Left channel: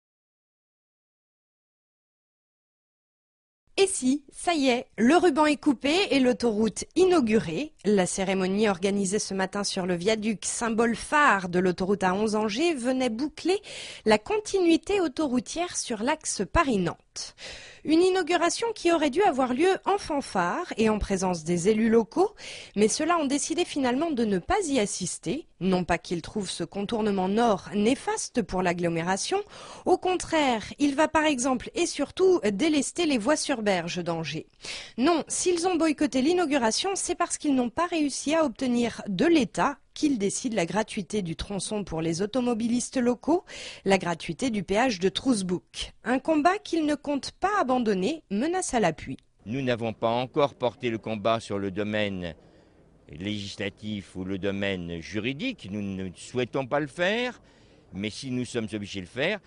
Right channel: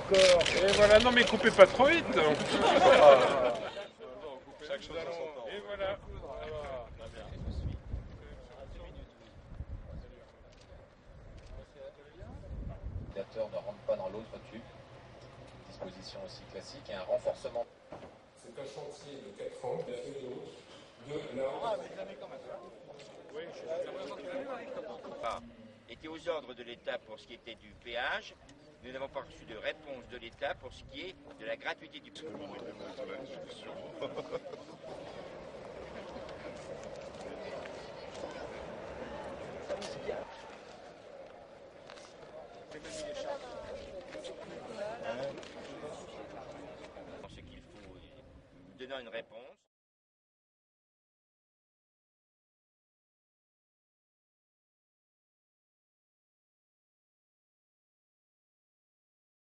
encore. Et voilà, non mais coupez pas trop vite. Et si, ça y est, le ruban est coupé et l'autoroute inaugurée. La cérémonie organisée ce matin sur le viaduc, symbole phare de l'autoroute A11 Angers, venait boucler la continuité autoroutière sur l'axe Paris-Nantes. Une inauguration qui aurait dû avoir lieu en fanfare et en présence des élus locaux, mais ceux-là ont décidé finalement de ne pas y assister. Non pas qu'ils trouvent ce contournement nord néfaste pour l'agglomération, au contraire, il va par exemple et surtout délester les voies sur berge d'Angers. Non, s'ils ont boycotté l'inauguration, c'est parce qu'ils n'ont pas réussi à obtenir de l'État qu'il décide la gratuité du tronçon pour les automobilistes locaux, la gratuité du péage de Trousbouc. Un combat qu'ils ne comptent pas abandonner, menace à l'appui. Nous n'avons pas encore porté le combat sur le domaine législatif ou le domaine juridique. Nous ne souhaitons pas le faire, mais si nous sommes obligés de le faire,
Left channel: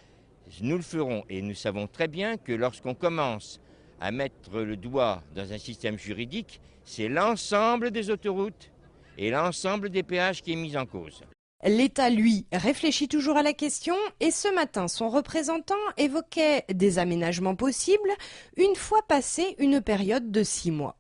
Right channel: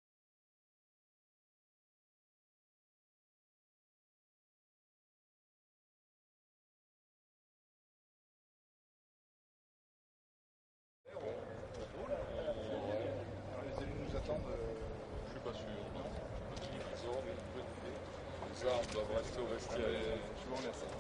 nous le ferons. Et nous savons très bien que lorsqu'on commence à mettre le doigt dans un système juridique, c'est l'ensemble des autoroutes et l'ensemble des péages qui est mis en cause. L'État, lui, réfléchit toujours à la question et ce matin, son représentant évoquait des aménagements possibles une fois passée une période de 6 mois.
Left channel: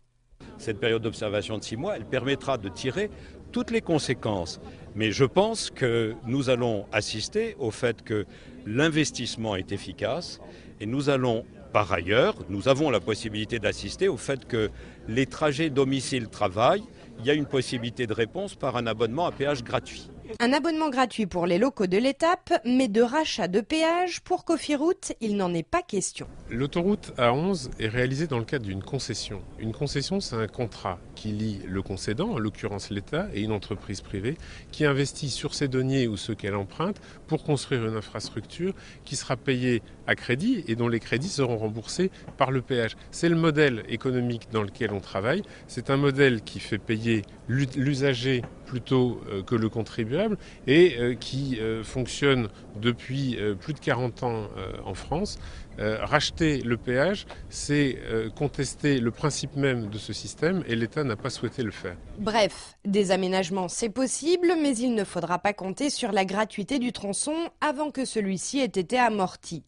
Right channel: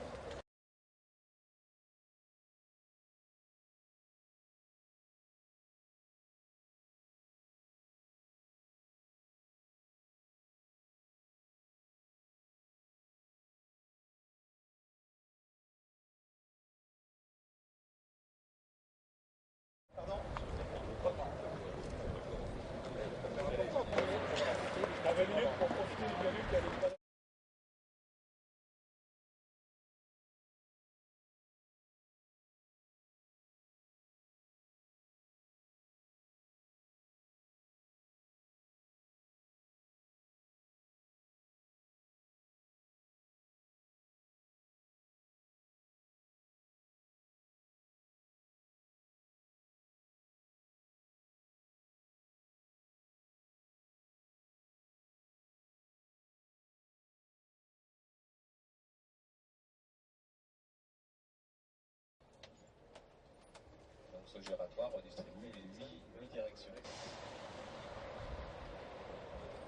Cette période d'observation de 6 mois, elle permettra de tirer toutes les conséquences. Mais je pense que nous allons assister au fait que l'investissement est efficace et nous allons, par ailleurs, nous avons la possibilité d'assister au fait que les trajets domicile-travail, il y a une possibilité de réponse par un abonnement à péage gratuit. Un abonnement gratuit pour les locaux de l'étape, mais de rachat de péage pour Cofiroute, il n'en est pas question. L'autoroute A11 est réalisée dans le cadre d'une concession. Une concession, c'est un contrat qui lie le concédant, en l'occurrence l'État, et une entreprise privée qui investit sur ses deniers ou ceux qu'elle emprunte pour construire une infrastructure qui sera payée à crédit et dont les crédits seront remboursés par le péage. C'est le modèle économique dans lequel on travaille. C'est un modèle qui fait payer l'usager plutôt que le contribuable et qui fonctionne depuis plus de 40 ans en France. Racheter le péage, c'est contester le principe même de ce système et l'État n'a pas souhaité le faire. Bref, des aménagements c'est possible, mais il ne faudra pas compter sur la gratuité du tronçon avant que celui-ci ait été amorti.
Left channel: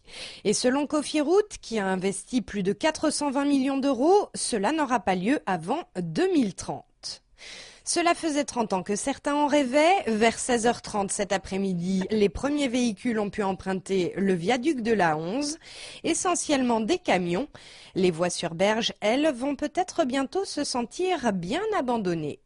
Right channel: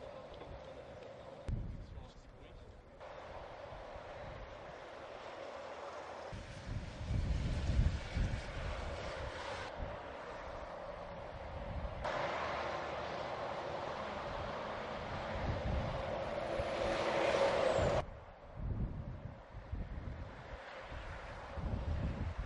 Et selon Cofiroute, qui a investi plus de 420 millions d'euros, cela n'aura pas lieu avant 2030. Cela faisait 30 ans que certains en rêvaient. Vers 16h30 cet après-midi, les premiers véhicules ont pu emprunter le viaduc de l'A11, essentiellement des camions. Les voies sur berge, elles, vont peut-être bientôt se sentir bien abandonnées.